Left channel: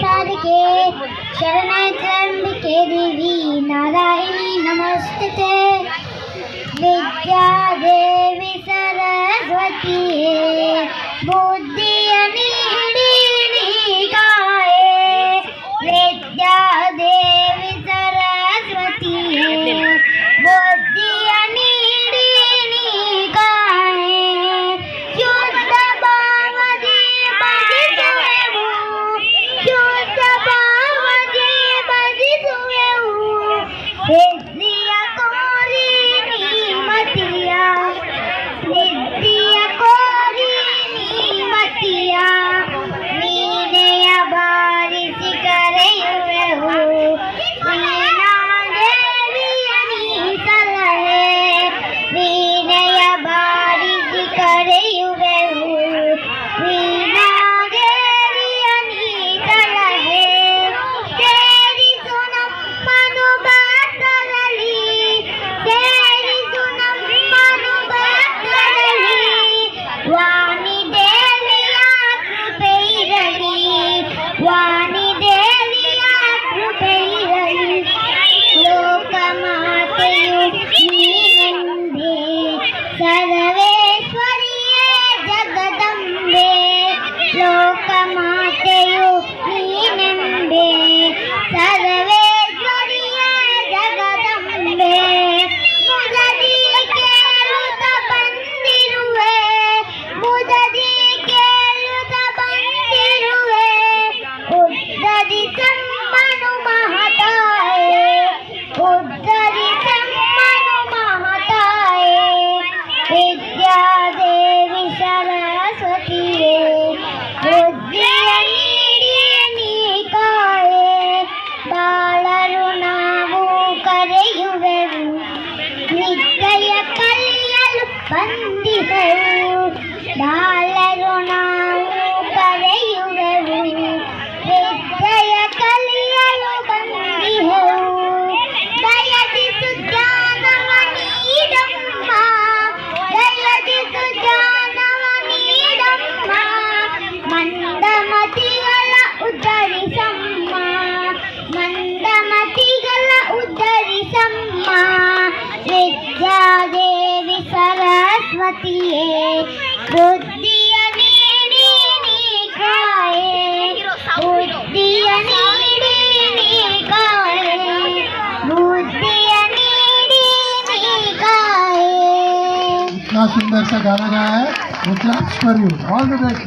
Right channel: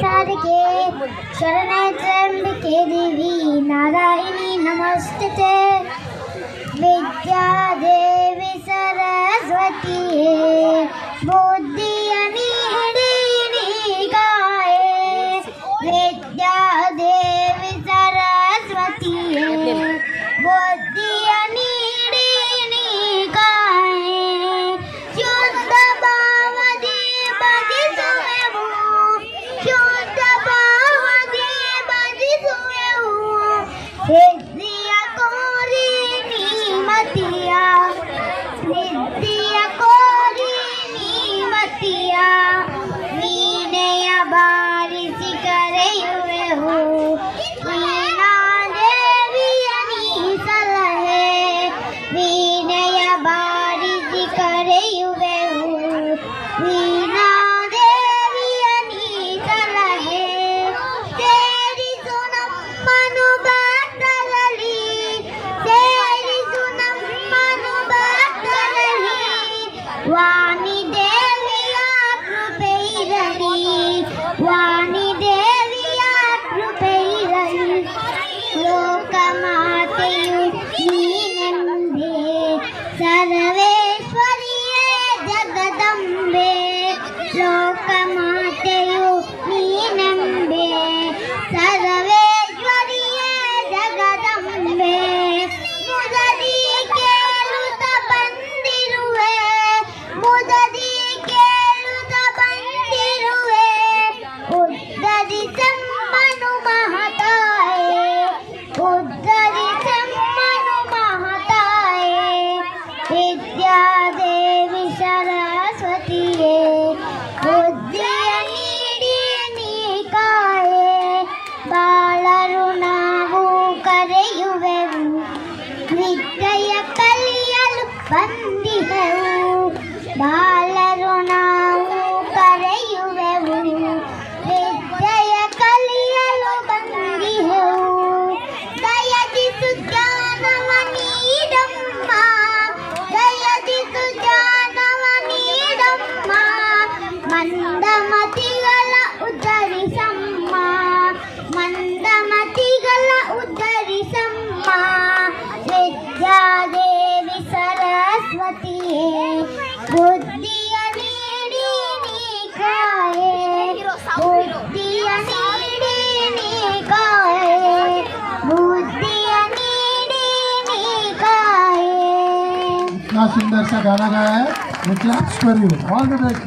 साधके शरणत्र्यम्बिके देवी नारायणी नमस्ते। विद्या देवी सरस्वती बुद्धि विद्या देवी सरस्वती बुद्धि विद्या कोरी मतिया विद्या कोरी मतिया वीणय बारिश करेयुवे हो वीणा देवी सलहे वीणय बारिश करेयुवे हो वीणा वाणी देविया कृपेरली वाणी देविया कृपेरली लोकमातेयु नीनंदे सर्वेश्वरिये जगदंबे लोकमातेयु नीनंबे सर्वेश्वरिये जगदंबे विद्या देवी सरस्वती बुद्धि बालरु नावु करेयुवेವು ವಿದ್ಯೆಯ ಕಲಿಯಲು ಬಂದಿಹೆವು ಬಾಲರು ನಾವು ಕರೆಯುವೆವು ವಿದ್ಯೆಯ ಕಲಿಯಲು ಬಂದಿಹೆವು ದಯದಿಸು ಜ್ಞಾನವ ನೀಡಮ್ಮ ದಯದಿಸು ಜ್ಞಾನವ ನೀಡಮ್ಮ ಮಂದಮತಿಗಳ ಉದ್ಧರಿಸಮ್ಮ ಮಂದಮತಿಗಳ ಉದ್ಧರಿಸಮ್ಮ ವಿದ್ಯಾ ದೇವಿ ಸರಸ್ವತಿಯೇ ಬುದ್ಧಿಯ ನೀಡಿ ನೀ ಕಾಯೆ ಬುದ್ಧಿಯ ನೀಡಿ ನೀ ಕಾಯೆ ಬುದ್ಧಿಯ ನೀಡಿ ನೀ ಕಾಯೆ। इतना सुंदर सा गाना गाया है, वो claps for you, all the best.